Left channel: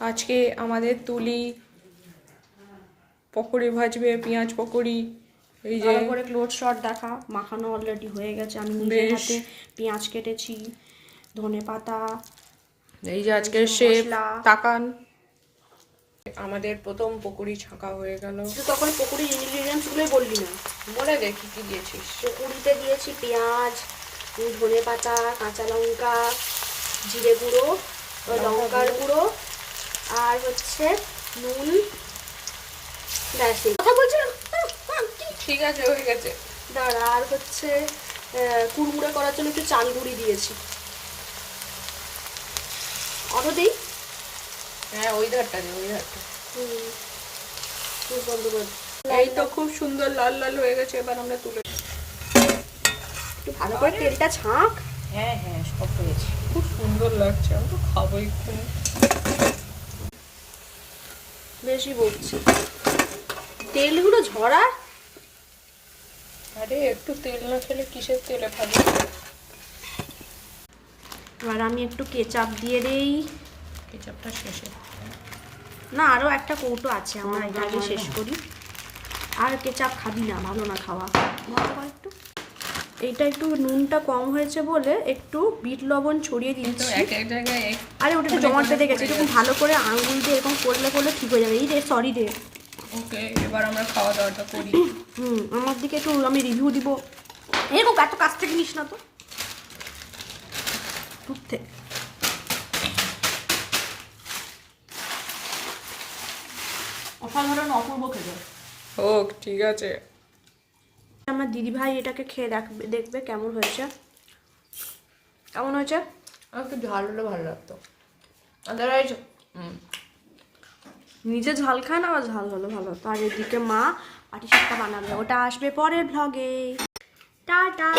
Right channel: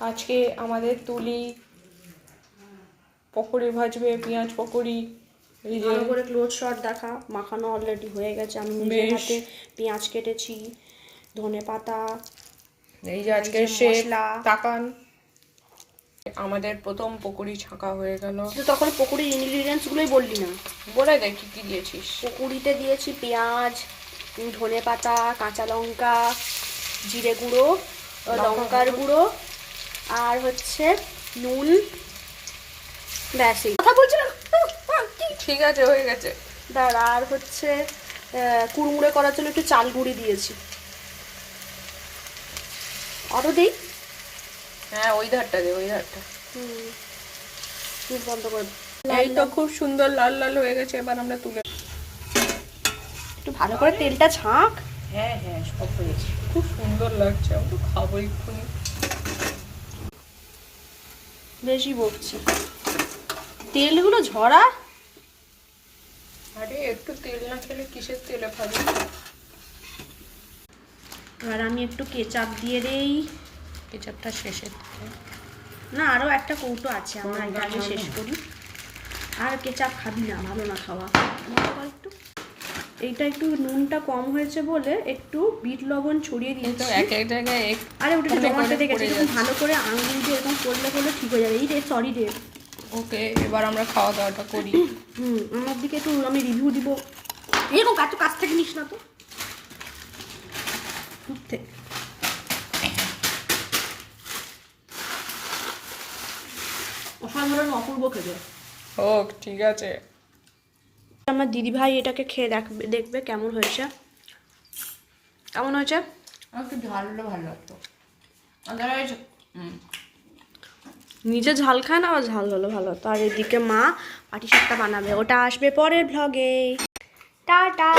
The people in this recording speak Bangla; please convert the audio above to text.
আজকে আমাদের তুলি পকোড়ি ভাজবে, পেঁয়াজ পকোড়ি। এই যে ভালো করে ক্লোজ শট দেখা, মাখানো অলরেডি হয়ে গেছে। আমি নিজের হাতে পেঁয়াজ কেটেছি, ধনে পাতা, এই যে আজকে শেফ তাকান। আমাদের প্রথম পকোড়ি ছাঁকা হয়ে গেল। তুই তখন পকোড়ির ইনগ্রিডিয়েন্টসগুলোই বললি না, বলে দে কি কি দিয়েছিস। পকোড়িতে দিয়েছি পেঁয়াজ, ধনে পাতা, কাঁচা লঙ্কা, জিরে গুঁড়ো, লঙ্কার গুঁড়ো, আর হচ্ছে নুন। ব্যাস, কথা বলছিলাম। ঠিক আছে, হয়ে গেছে। দাঁড়া, আর হচ্ছে কুড়মুড়ে করার জন্য একটু চাল গুঁড়ি দিয়েছি। আরও দিই? হ্যাঁ, ওই ধারটা দে, ওই ধারটা। বন্ধ করে। এই তো খুব সুন্দর লাল লাল হয়ে গেছে। এবার আমরা তুলে একটু ভালো করে তেলটা ছাঁক। হ্যাঁ হ্যাঁ, সব হয়েছে, খুব সুন্দর লাগছে। আমি তো খাবো এক্ষুনি। বেশি বকছি, তেলগুলো ঝরা। আরে একটু তেল না খেলে কিসের তেলে খাবো। আর আমি একটু কেচাপ দিয়ে দেই। কেচাপটা শেষে, না আরও একটা কৌটো আছে, আমরা এটা আগে শেষ করি। আর কেচাপ খাবি না, ভালো না খাওয়া। একটু এইটা একটু নুনটা কম হয়েছে বলে একটু বিট লবণ ছড়িয়ে দিয়েছি এক এক জায়গায়। আরে ওটা একটু জমাট বেঁধে গেছে, এরকম ভালো করে আঙুল দিয়ে এরকম করলে ঠিক হয়ে যাবে। এই রে, সরি রে। ওকে, এবার আমরা খাওয়া দাওয়াটা করি। আমার দিকে একটু আমি রিভিউ দিব। এরকম এত কাছ থেকে নিস না তো, দূর থেকে। অসাধারণ অপূর্ব খেতে। হোক, ঠিক আছে। আমার দিদিভাই এটাকে খেয়ে দেখবে কেমন হয়েছে। কেমন হয়েছে? আর একটু ঝাল হলে ভালো লাগতো। আদারওয়াইজ নিজে ঝাল খায় না, আবার ঝাল হলে ভালো হতো। আর এদিকে মা পাটিসাপটা বানাবে, ওটা আসবে পরের ভ্লগে। টাটা।